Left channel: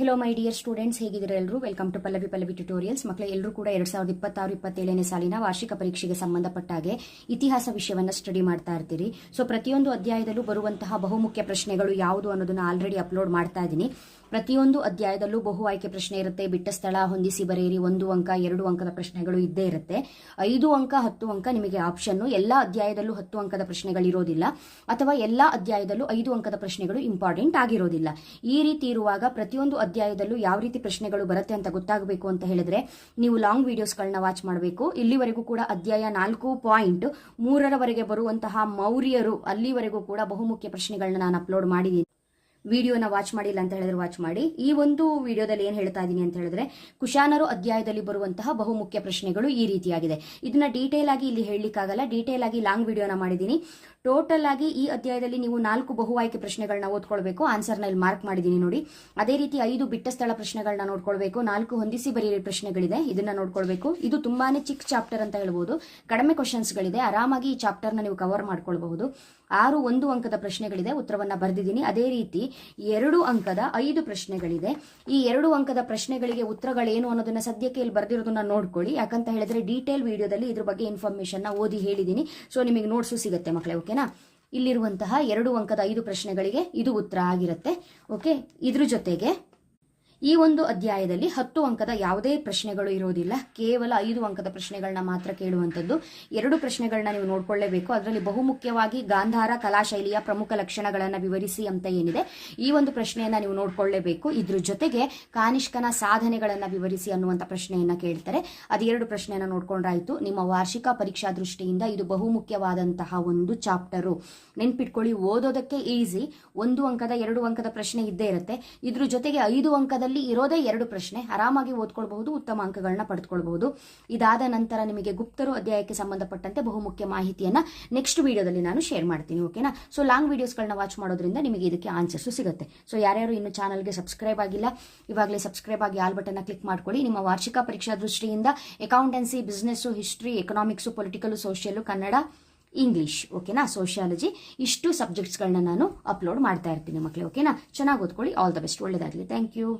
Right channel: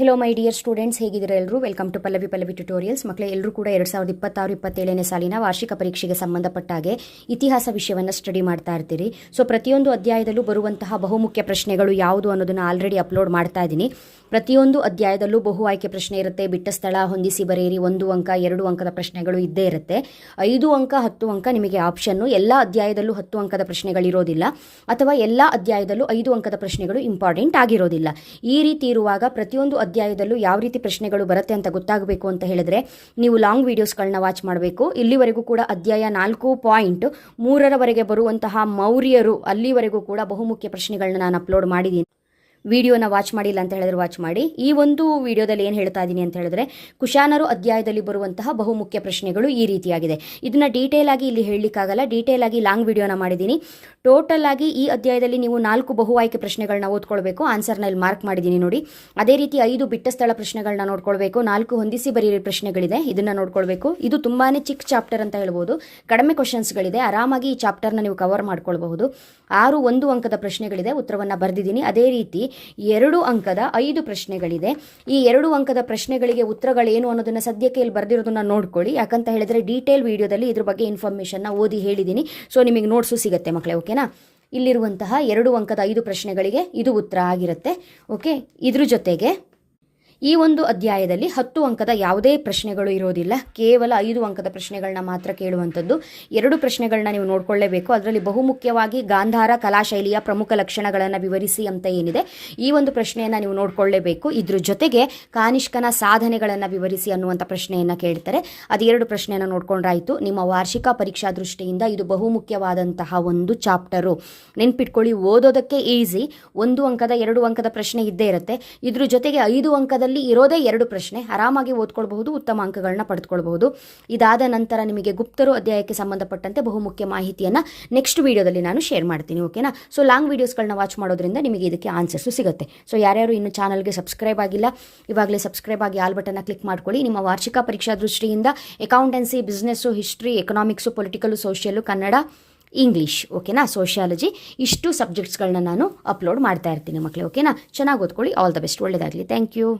Hello my dear students, ಹೇಗಿದ್ದೀರಾ ಎಲ್ಲರೂ? Welcome to Pallavi tutorials. ಮಕ್ಕಳೇ, ಎಲ್ಲರೂ ಕೂಡ 2026-27ನೇ ಸಾಲಿನ ವಾರ್ಷಿಕ ಪರೀಕ್ಷೆಗೆ ಸಂಬಂಧಪಟ್ಟ ಹಾಗೆ ಇತಿಹಾಸ ವಿಷಯವನ್ನು ಸ್ಟಡಿ ಮಾಡ್ತಾ ಇರ್ತೀರಿ. ಸೊ ಪ್ರತಿಯೊಂದು ಅಧ್ಯಾಯದಲ್ಲೂ ಬರುವಂತಹ ಬಹುಮುಖ್ಯ ಪ್ರಶ್ನೆಗಳು ಯಾವುದು ಅನ್ನೋದನ್ನು ಆಲ್ರೆಡಿ ಅಪ್ಲೋಡ್ ಮಾಡ್ತಾ ಇದ್ದೀನಿ. ಪ್ರತಿಯೊಂದು ಅಧ್ಯಾಯದಲ್ಲೂ ಬಹು ಆಯ್ಕೆ ಪ್ರಶ್ನೆ ಇರುತ್ತೆ. ಬಿಟ್ಟ ಸ್ಥಳ, ಹೊಂದಿಸಿ ಬರೆಯಿರಿ, 1 ಅಂಕ 2 ಅಂಕದ ಪ್ರಶ್ನೆಗಳು ಇದ್ದೇ ಇರುತ್ತೆ. 5 ಅಂಕ 10 ಅಂಕ ನಿಮಗೆ ಆಪ್ಷನ್ನು. ಎಲ್ಲ ಅಧ್ಯಾಯದಲ್ಲೂ 10 ಅಂಕದ ಪ್ರಶ್ನೆಗಳಿರೋದಿಲ್ಲ, ಅಥವಾ ಎಲ್ಲ ಅಧ್ಯಾಯದಲ್ಲೂ 5 ಅಂಕದ ಪ್ರಶ್ನೆಗಳು ಇಂಪಾರ್ಟೆಂಟ್ ಆಗಿರೋದಿಲ್ಲ. ಈ ರೀತಿ ಇರುವಾಗ ಪ್ರತಿಯೊಂದು ಅಧ್ಯಾಯದಲ್ಲೂ ಯಾವ ರೀತಿ ಪ್ರಶ್ನೆಗಳು ಬರುತ್ತೆ ಅಂತ ಗೊತ್ತಾಗಬೇಕು ಅಂತ ಹೇಳಿದ್ರೆ ನೀವು ಲಾಂಗ್ ವಿಡಿಯೋಸ್ಗಳನ್ನ ವಾಚ್ ಮಾಡಬೇಕು. ಇಲ್ಲಿವರೆಗೂ ಕೂಡ ಅಧ್ಯಾಯ 4.3 ಬರುವಂತಹ ಮೌರ್ಯರು, ಅಲ್ಲಿವರೆಗೂ ಕೂಡ ಬಹುಮುಖ್ಯ ಪ್ರಶ್ನೆಗಳನ್ನ ನಾನು ಅಪ್ಲೋಡ್ ಮಾಡಿದ್ದೀನಿ. ವಿಡಿಯೋನ ವಾಚ್ ಮಾಡಿಲ್ಲ ಅಂತ ಹೇಳಿದ್ರೆ ವಾಚ್ ಮಾಡಿ. ಈ ಒಂದು ವಿಡಿಯೋದಲ್ಲಿ ಏನು ಹೇಳ್ತಾ ಇದ್ದೀನಿ ಅಂತ ಹೇಳಿದ್ರೆ, ಕುಶಾನರು ಅಧ್ಯಾಯದಲ್ಲಿ ಬರುವಂತಹ ಬಹುಮುಖ್ಯ ಪ್ರಶ್ನೆಗಳು ಈ ರೀತಿಯಾಗಿದೆ. ಇದನ್ನ ಡೀಟೇಲ್ ಆಗಿ ಇಲ್ಲಿ ಹೇಳಲಿಕ್ಕಾಗಲ್ಲ, ಡೀಟೇಲ್ ಆಗಿ ಲಾಂಗ್ ವಿಡಿಯೋನ ಮಾಡಿದ್ದೀನಿ. ಟೋಟಲ್ ಆಗಿ ಈ ಅಧ್ಯಾಯದಲ್ಲಿ ನೀವು 4 ಬಹು ಆಯ್ಕೆ ಪ್ರಶ್ನೆಗಳನ್ನ ಓದ್ಕೊಳ್ಬೇಕು. ಆನ್ಸರ್ನ ಇಲ್ಲಿ ಮಾರ್ಕ್ ಮಾಡಿದ್ದೀನಿ ನೋಡಿ. ಅದೇ ರೀತಿ 5 ಬಿಟ್ಟ ಸ್ಥಳ ಪ್ರಶ್ನೆಗಳನ್ನ ನೋಡ್ಕೊಳ್ಬೇಕು. 4 ಹೊಂದಿಸಿ ಬರೀರಿ ಪ್ರಶ್ನೆಗಳಿದೆ, ಇದನ್ನ ನೋಡ್ಕೊಳ್ಬೇಕು. ಇದು ತುಂಬಾನೇ ಚಿಕ್ಕ ಚಾಪ್ಟರ್ ಅಂತ ಹೇಳ್ಬೋದು, ಕಡಿಮೆ ಕ್ವಶನ್ಸ್ಗಳಿದೆ. ಆರಾಮಾಗಿ ಈ ಚಾಪ್ಟರ್ನ ನೀವು ಕವರ್ ಮಾಡ್ಕೊಳ್ಬಹುದು. 6 1 ಅಂಕದ ಪ್ರಶ್ನೆಗಳಿದೆ, ಉತ್ತರವನ್ನ ಬರೆದಿದ್ದೀನಿ. ಅದೇ ರೀತಿ 2 ಅಂಕದ 5 ಪ್ರಶ್ನೆಗಳಿದೆ. ಈ 2 ಅಂಕದ ಪ್ರಶ್ನೆಗಳಿಗೆ ಉತ್ತರಗಳೇನು ಅನ್ನೋದನ್ನ ಸದ್ಯಕ್ಕೆ ಇಲ್ಲಿ ಬರೆದಿರೋದನ್ನ ನೋಡ್ಕೊಳ್ಳಿ. ಯಾಕಂತ ಹೇಳಿದ್ರೆ ಡೀಟೇಲ್ ವಿಡಿಯೋದಲ್ಲಿ ಇದ್ರ ಬಗ್ಗೆ ಇನ್ಫಾರ್ಮೇಶನ್ ಓದಿ ಹೇಳಿದ್ದೀನಿ. ಸೊ ನಿಮಗೆ ನೋಟ್ಸು ಸಿಗುತ್ತೆ ಮಕ್ಕಳೇ, ಓಕೆನಾ? ಇಲ್ಲಿರುವಂತಹ 2 ಅಂಕದ 5 ಪ್ರಶ್ನೆಗಳಿಗೆ ಇದು ಉತ್ತರ ಆಗಿರುತ್ತೆ. ಓಕೆ, ಇದ್ರ ಜೊತೆಗೆ ಈ ಒಂದು ಅಧ್ಯಾಯದಲ್ಲಿ 10 ಅಂಕದ ಯಾವುದೇ ಪ್ರಶ್ನೆಗಳು ಇರೋದಿಲ್ಲ, ಕೇವಲ 5 ಅಂಕದ ಪ್ರಶ್ನೆಗಳನ್ನ ಮಾತ್ರ ಕೇಳುವಂಥದ್ದು. 2 ಪ್ರಶ್ನೆಗಳನ್ನ ನೀವು ನೋಡ್ಕೊಳ್ಳೇಬೇಕು. ಅದರಲ್ಲಿ ಬಹುಮುಖ್ಯವಾಗಿ ಗಾಂಧಾರ ಕಲಾಶೈಲಿಯ ಪ್ರಮುಖ ಲಕ್ಷಣಗಳನ್ನು ವಿವರಿಸಿ ಅಂತ ಏನಿದೆ, ಈ ಒಂದು ಪ್ರಶ್ನೆಯನ್ನ ನೀವು ನೋಡ್ಕೊಳ್ಳೇಬೇಕು. ಇದ್ರ ಜೊತೆಗೆ ಕಾನಿಷ್ಕನ ಸಾಧನೆಗಳನ್ನು ವಿವರಿಸಿ ಅನ್ನುವಂಥ ಪ್ರಶ್ನೆಯನ್ನ ಕೇಳ್ತಾರೆ. ಅದು 2 ಪ್ರಶ್ನೆಯನ್ನ ನೋಡ್ಕೊಂಡ್ರಾಯ್ತು. ನಿಮ್ಮ ವಾರ್ಷಿಕ ಪರೀಕ್ಷಾ ದೃಷ್ಟಿಯಿಂದ ಇದು ಬಹುಮುಖ್ಯವಾದಂತಹ ಒಂದು ಚಾಪ್ಟರು. ನೆನ್ಪಿಟ್ಕೊಳ್ಳಿ, ಓದೋದಕ್ಕೆ ಈಸಿ. 1 ಅಂಕದ 2 ಅಂಕದ ಪ್ರಶ್ನೆ ಇದ್ದೇ ಇರುತ್ತೆ. ಇದ್ರ ಜೊತೆಗೆ 5 ಅಂಕದ ಇರೋದೇ 2 ಪ್ರಶ್ನೆ, ಆರಾಮಾಗಿ ಓದ್ಕೊಳ್ಬಹುದು, ಉತ್ತಮ ಅಂಕಗಳನ್ನ ಪಡೆದುಕೊಳ್ಬಹುದು. ಇದಾದ ನಂತರ ನಿಮಗೆ ಗುಪ್ತರು ಅಧ್ಯಾಯಕ್ಕೆ ಸಂಬಂಧಪಟ್ಟಂತೆ ಬಹುಮುಖ್ಯ ಮಾಹಿತಿಯನ್ನ ನೆಕ್ಸ್ಟ್ ವಿಡಿಯೋದಲ್ಲಿ ನಾನು ಶೇರ್ ಮಾಡ್ತೀನಿ, ಓಕೆನಾ? ಸೊ ಲಾಂಗ್ ವಿಡಿಯೋಸ್ಗಳನ್ನ ವಾಚ್ ಮಾಡೋದ್ರಿಂದ ನಿಮಗೆ ಇದಕ್ಕೆ ಆನ್ಸರ್ಸು ಸಿಗುತ್ತೆ. ಸೊ ಯಾರ್ಯಾರು ಇನ್ನು ಚಾನಲ್ಗೆ ಸಬ್ಸ್ಕ್ರೈಬ್ ಆಗಿಲ್ಲ, ಇವಾಗಲೇ ಸಬ್ಸ್ಕ್ರೈಬ್ ಆಗಿ ಆಲ್ ಬಟನ್ನ ಕ್ಲಿಕ್ ಮಾಡ್ಕೊಳ್ಳಿ. ನಿಮ್ಮ ವಾರ್ಷಿಕ ಪರೀಕ್ಷಾ ದೃಷ್ಟಿಯಿಂದ accountancy, business, history, economics, political, social, Kannada, English, ಓಕೆನಾ, ಸೋಷಿಯಾಲಜಿ, ಇಷ್ಟು ಸಬ್ಜೆಕ್ಟ್ಸ್ಗಳನ್ನ ನಾನು ಅಪ್ಲೋಡ್ ಮಾಡ್ತಾ ಇರ್ತೀನಿ ಮಕ್ಕಳೇ, ಓಕೆನಾ? ಚೆನ್ನಾಗಿ ಓದ್ಕೊಳ್ಳಿ. ಆಲ್ ದ ಬೆಸ್ಟ್, ಒಳ್ಳೆಯದಾಗಲಿ. Thank you.